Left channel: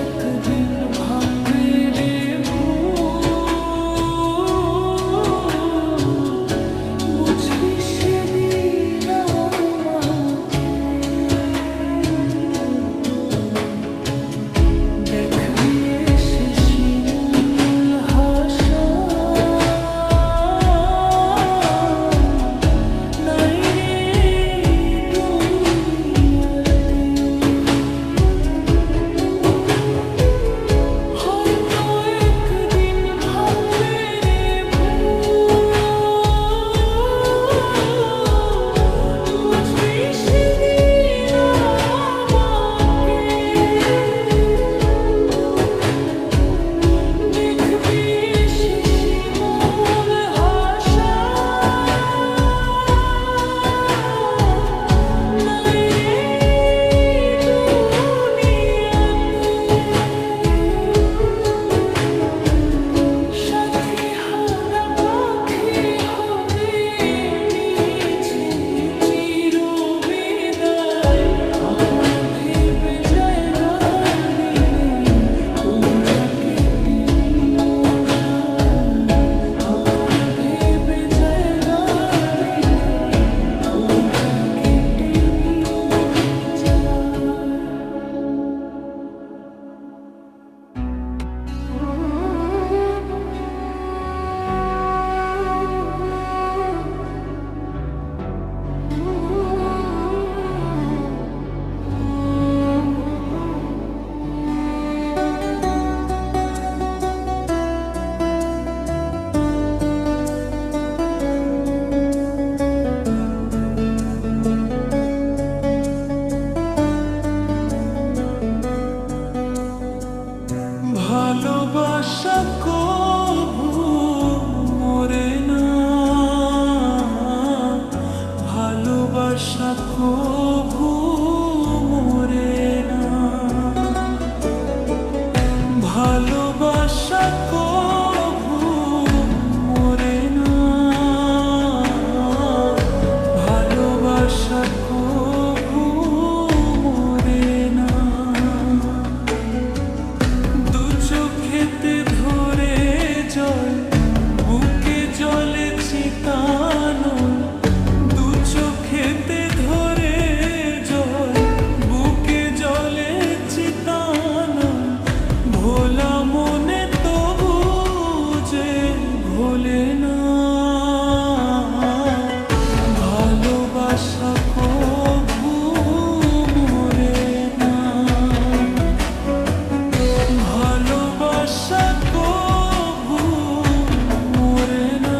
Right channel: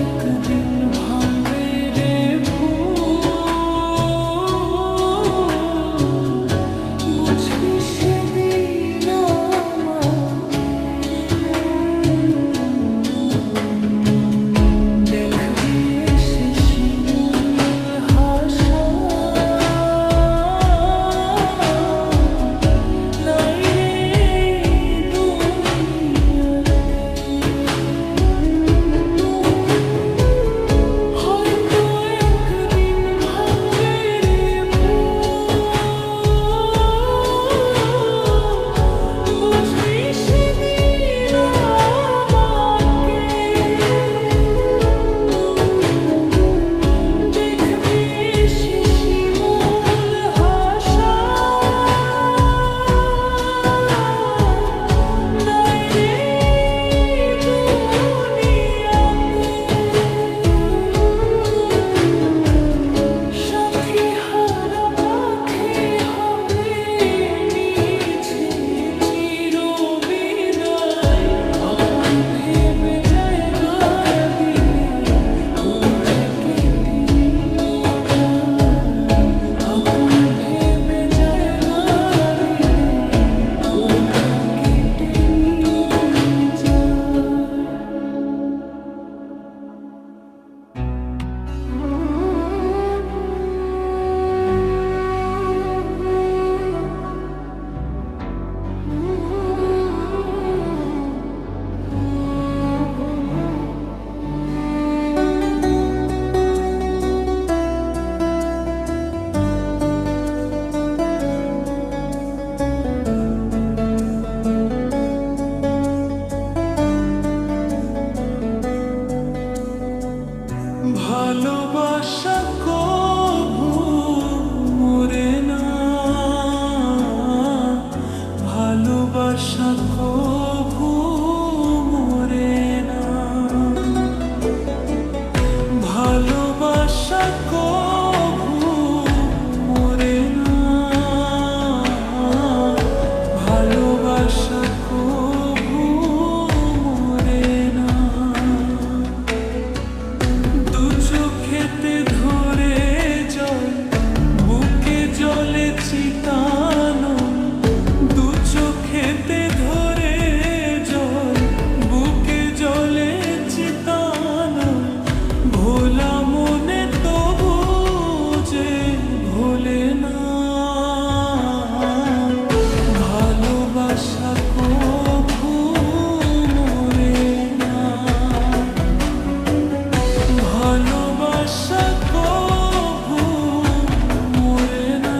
একদিন ভাঙবে রে ভুল, বুঝবি সেদিন আমাকে, দেখবি এসে শিমুল হাসা নাই রে দুনিয়াতে। হয়তো একদিন ভাঙবে রে ভুল, বুঝবি সেদিন আমাকে, দেখবি এসে শিমুল হাসা নাই রে দুনিয়াতে। সাথী হারা পাখি হয়ে নিয়েছে চিরবিদায়, আপন ভেবে জায়গা দিলে কলিজা কেটে নিয়ে যায়, আপন ভেবে জায়গা দিলে কলিজা কেটে নিয়ে যায়। ভালোবাসা কভু মরে না, ভালোবাসা কভু মরে না, ভালোবাসা কভু মরে না, ভালোবাসা কভু মরে না। দু চোখেতে ধরে জল, বুকে জলে চিতানল, দু চোখেতে ধরে জল, বুকে জলে চিতানল, ভোলা মনে তবু যে ভোলে না, ভালোবাসা কভু মরে না, ভালোবাসা কভু মরে না।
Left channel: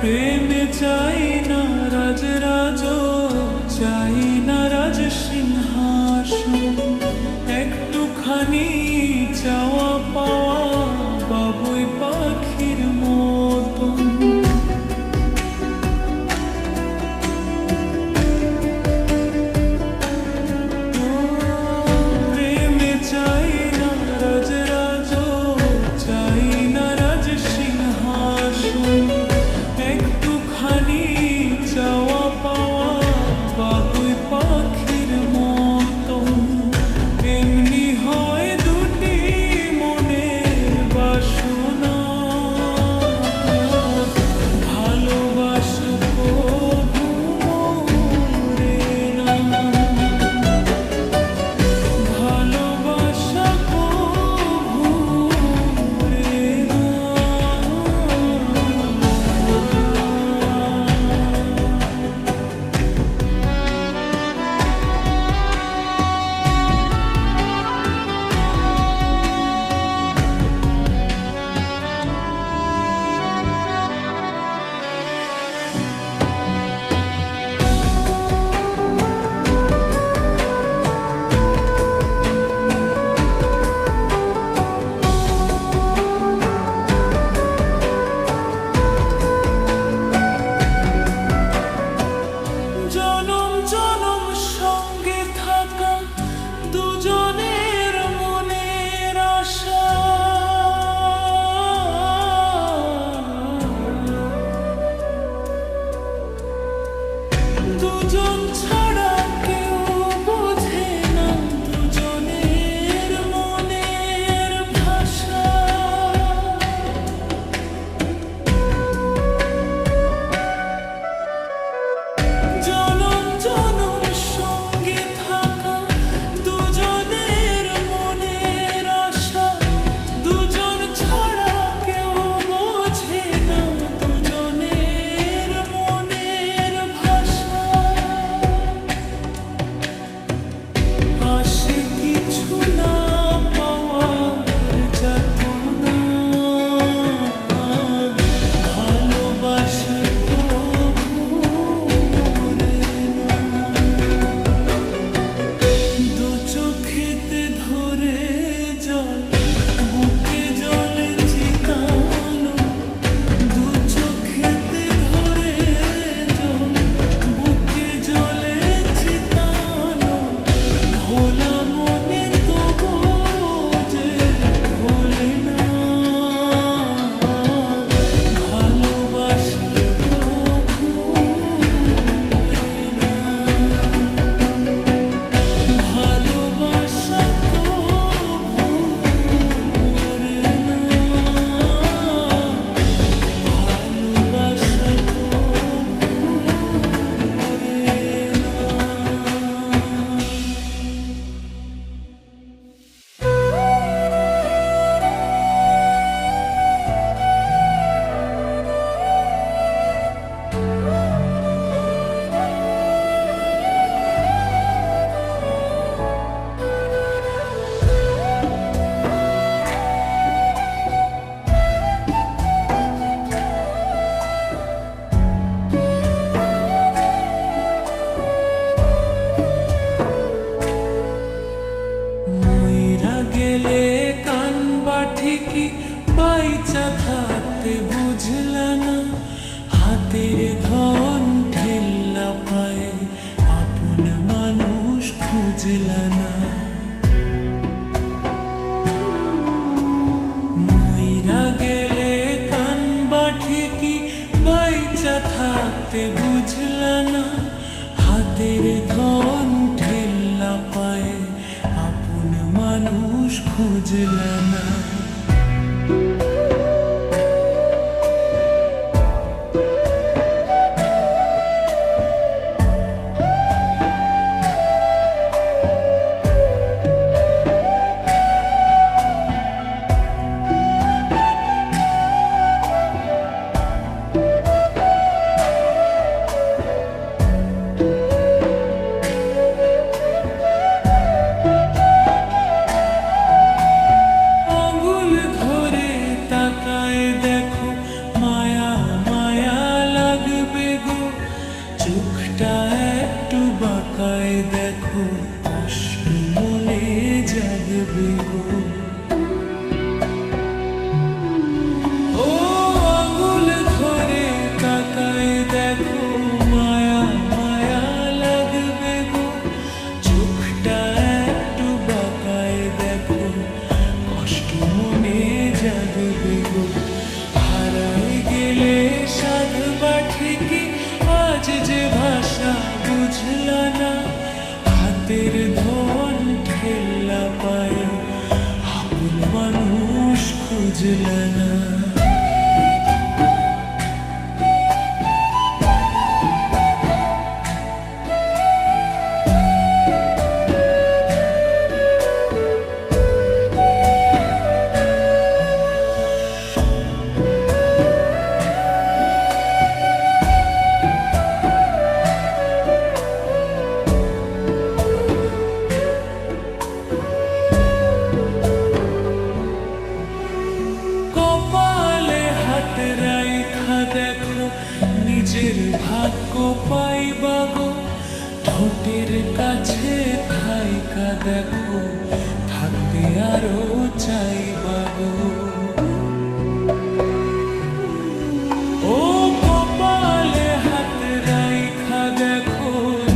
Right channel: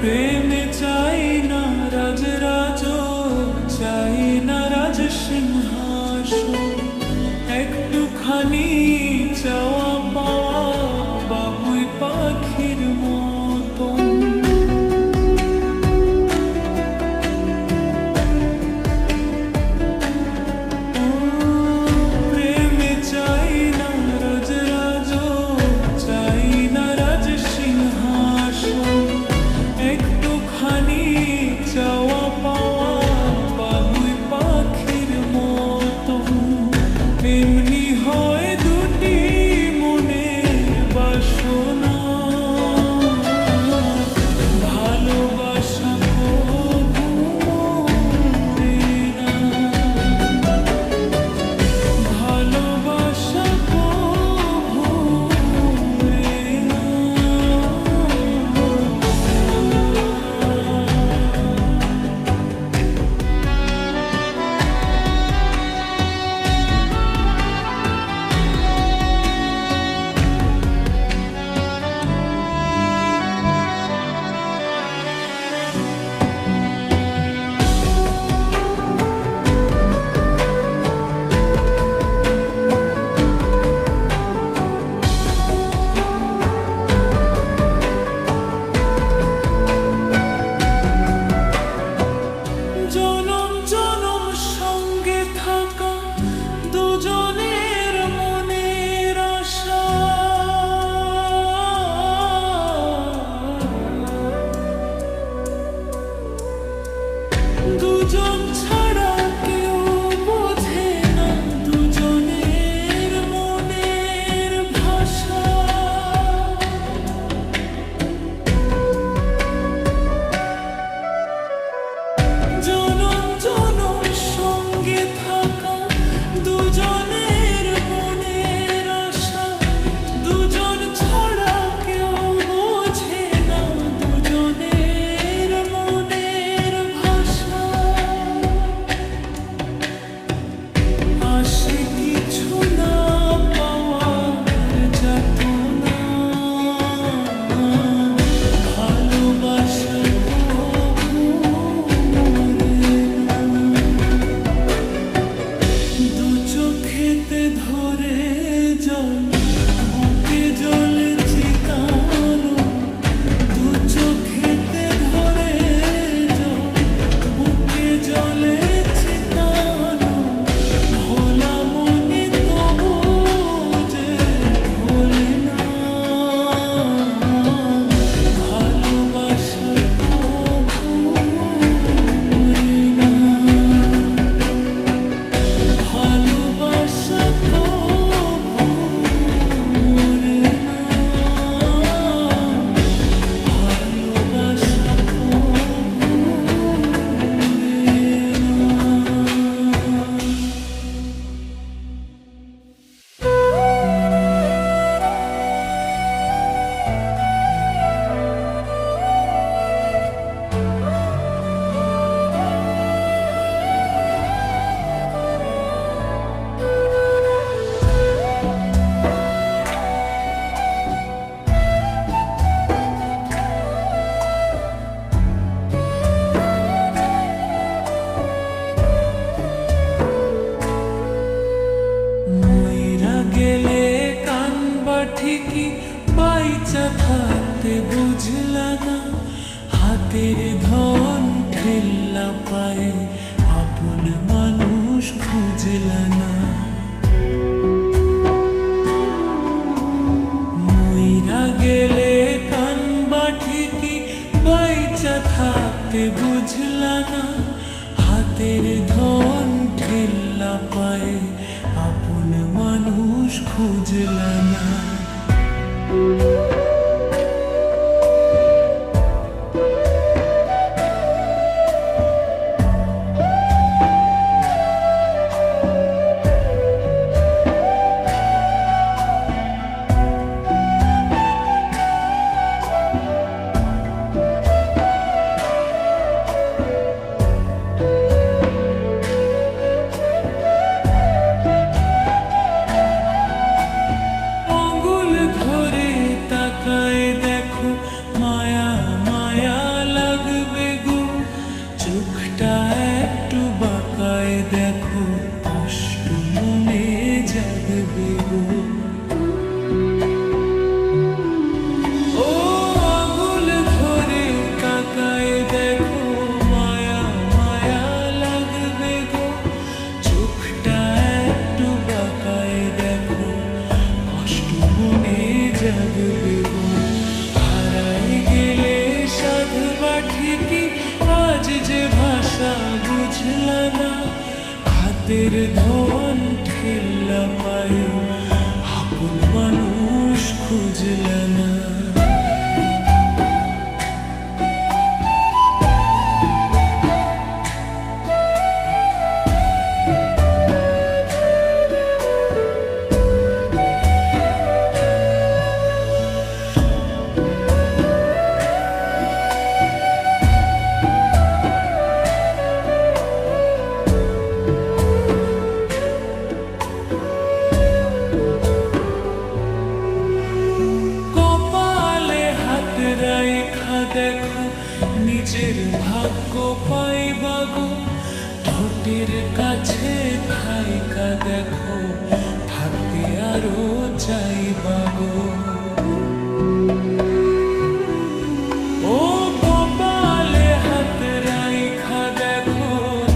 প্রেমে চাই না রাজরাজ, চাই না রাজ সিংহাসন, একটুখানি চাওয়া পাওয়া বাবুই পাখির মতন। প্রেমে চাই না রাজরাজ, চাই না রাজ সিংহাসন, একটুখানি চাওয়া পাওয়া বাবুই পাখির মতন। এমনি হয় দুটি মনের বাসনা, ভালোবাসা কভু মরে না, ভালোবাসা কভু মরে না। সঙ্গে থাকা দুজনের মনের আশা, দুজন ছাড়া কেউ বোঝে না দুজনের মনের ভাষা। জনম জনম সঙ্গে থাকা দুজনের মনের আশা, দুজন ছাড়া কেউ বোঝে না দুজনের মনের ভাষা। আসে কিছু না পাওয়ার যাতনা, ভালোবাসা তবু মরে না। দু চোখেতে ধরে জল, বুকে জলে চিতালো, দু চোখেতে ধরে জল, বুকে জলে চিতালো। ভোলা মনে তবু যে ভোলে না, ভালোবাসা তবু মরে না। ভালোবাসা তবু মরে না, ভালোবাসা তবু মরে না। মইরা গেলে কানবা ঠিকই, বাইচা থাকতে বুঝলা না। হাতের ধন ঠেল্লা পায়ে, আপন মানুষ খুঁজলা না। মইরা গেলে কানবা ঠিকই, বাইচা থাকতে বুঝলা না। হাতের ধন ঠেল্লা পায়ে, আপন মানুষ খুঁজলা না। আঙুল ধরে তাকায় দেখো, মায়া মায়া লাগবে গো। চোখটা একটু বাঁকায় দেখো, কষ্ট মনে জাগবে গো। ও আঙুল ধরে তাকায় দেখো, মায়া মায়া লাগবে গো। চোখটা একটু বাঁকায় দেখো, কষ্ট মনে জাগবে গো। হারাই গেলে সাধবা ঠিকই, আজ যে ভাষা বুঝলা না। হাতের ধন ঠেল্লা পায়ে, আপন মানুষ খুঁজলা না। হাত রাইখা দেখো, নিজের ভাগ্য পাইবা গো। ঠোঁটের কাছে থাইকা দেখো, থাকতে আরো চাইবা গো। ও কপালে হাত রাইখা দেখো,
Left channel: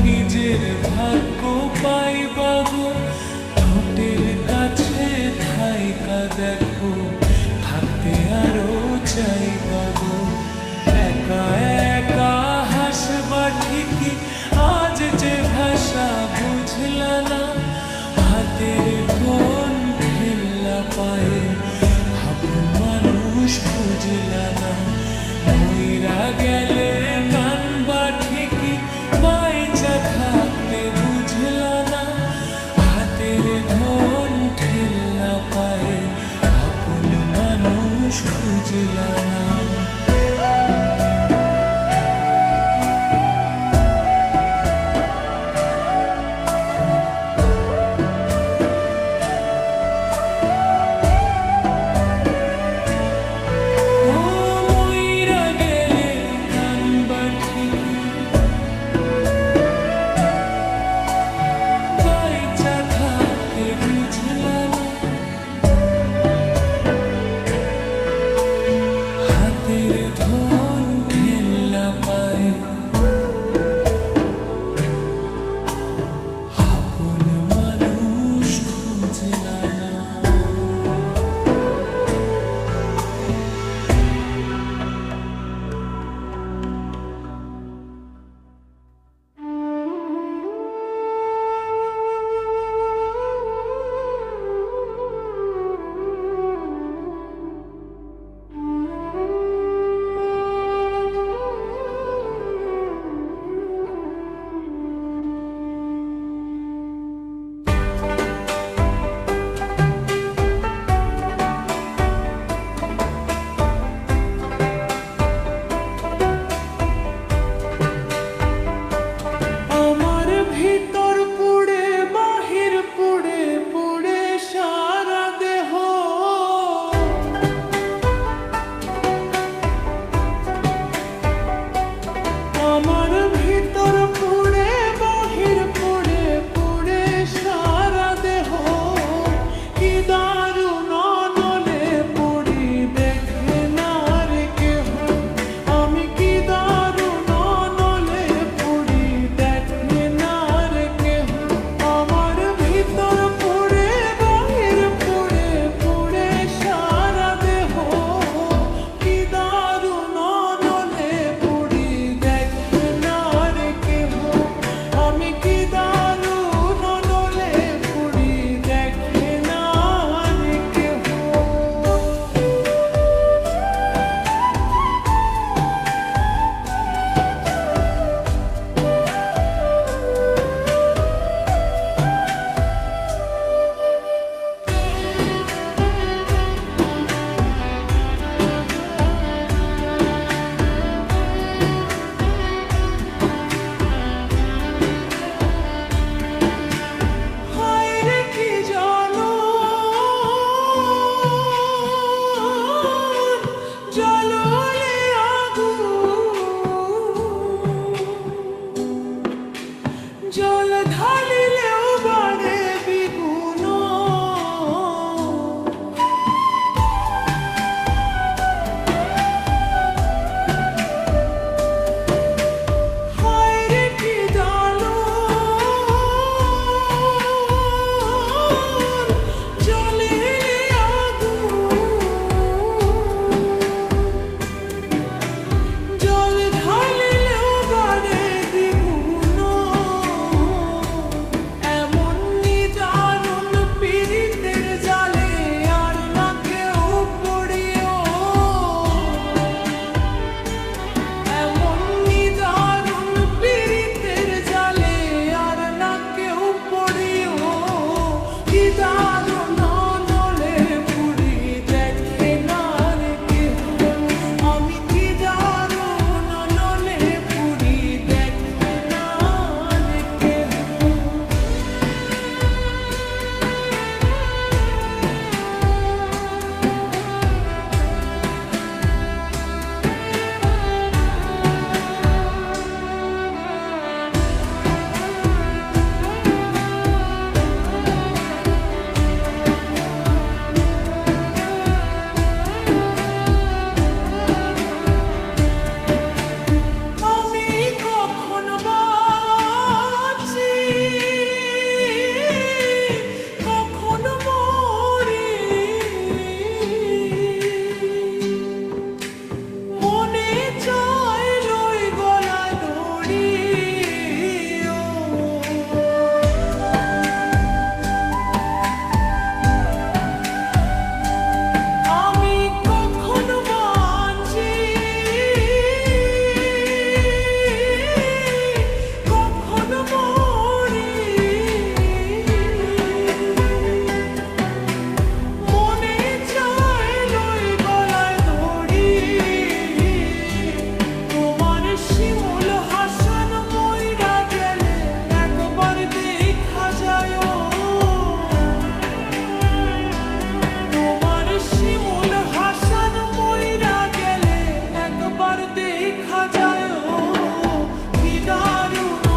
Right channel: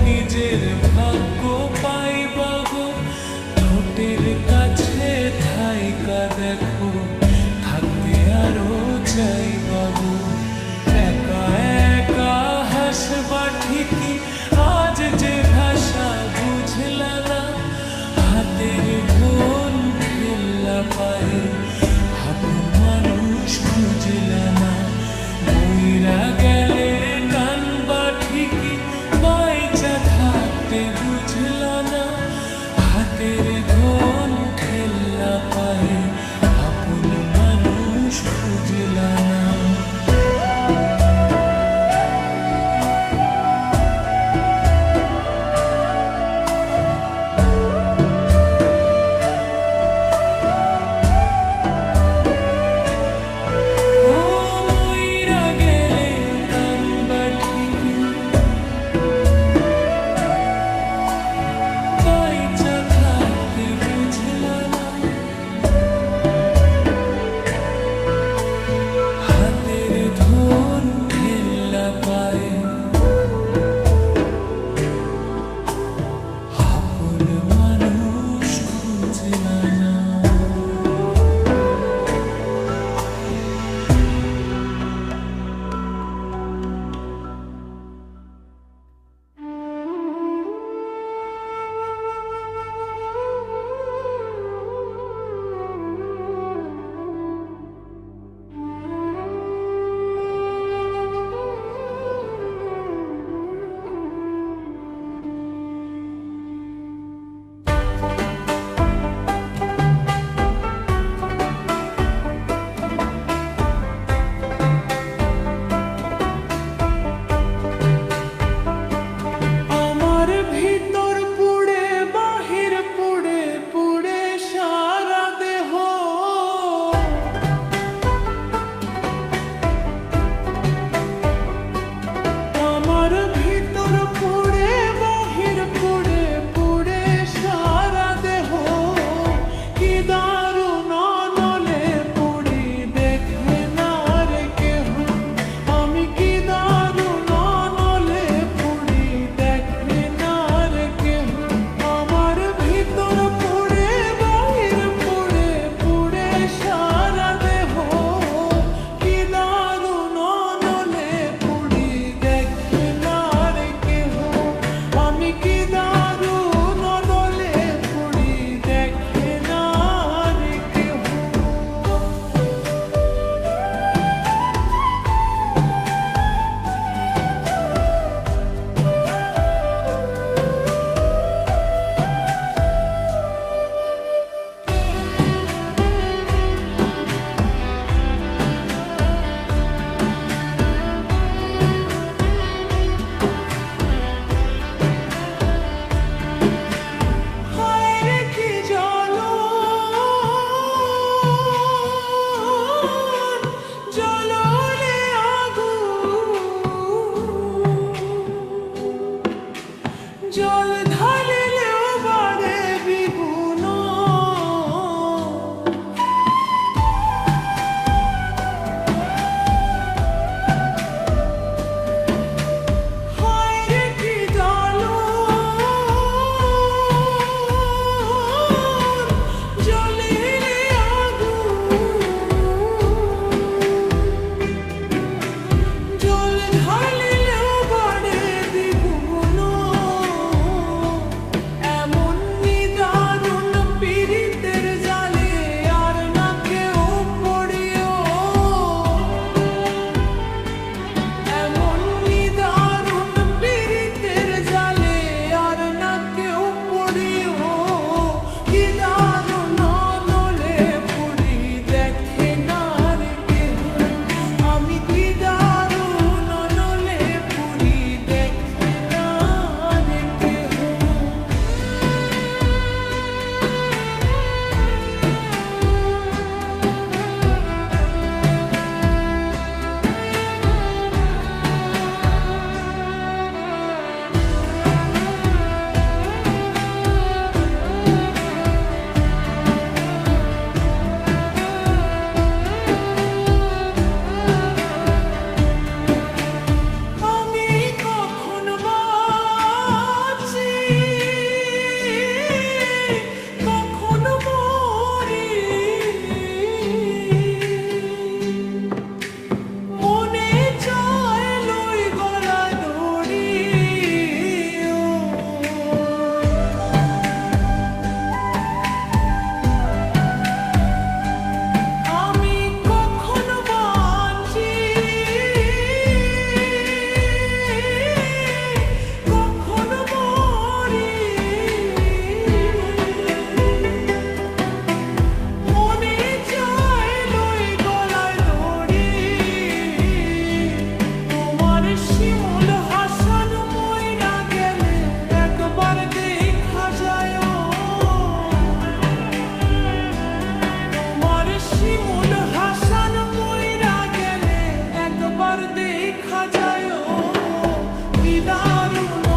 নিজের ভাগ্য পাইবা গো, ঠোঁটের কাছে থাইকা দেখো, থাকতে আরো চাইবা গো। একা একা হাসবা ঠিকই, আজ যে ভাষা বুঝলা না, হাতের ধন ঠেল্লা পায়ে আপন মানুষ খুঁজলা না। মইরা গেলে কানবা ঠিকই, বাইচা থাকতে বুঝলা না, হাতের ধন ঠেল্লা পায়ে আপন মানুষ খুঁজলা না। হাতের ধন ঠেল্লা পায়ে আপন মানুষ খুঁজলা না। ভিতর পুড়ে বাহির পুড়ে পুড়ে সারা দেহ, আমার ভিতর পুড়ে বাহির পুড়ে পুড়ে সারা দেহ। কি দারুণ নলে পুড়ি দেখে না রে কেহ, আমি কি দারুণ নলে পুড়ি দেখে না রে কেহ। আমার ভিতর পুড়ে বাহির পুড়ে পুড়ে সারা দেহ, কি দারুণ নলে পুড়ি দেখে না রে কেহ, আমি কি দারুণ নলে পুড়ি দেখে না রে কেহ। হায়রে কি জ্বালান, জ্বালালে আগুন, জল ঢালিলেও বাড়ে দ্বিগুণ। হায়রে কি জ্বালান, জ্বলিলে আগুন, জল ঢালিলেও বাড়ে দ্বিগুণ। একবার দেখা যায় তোমার শিমুল হাসান মইরা গেলে একবার দেখা যায় কি দারুণ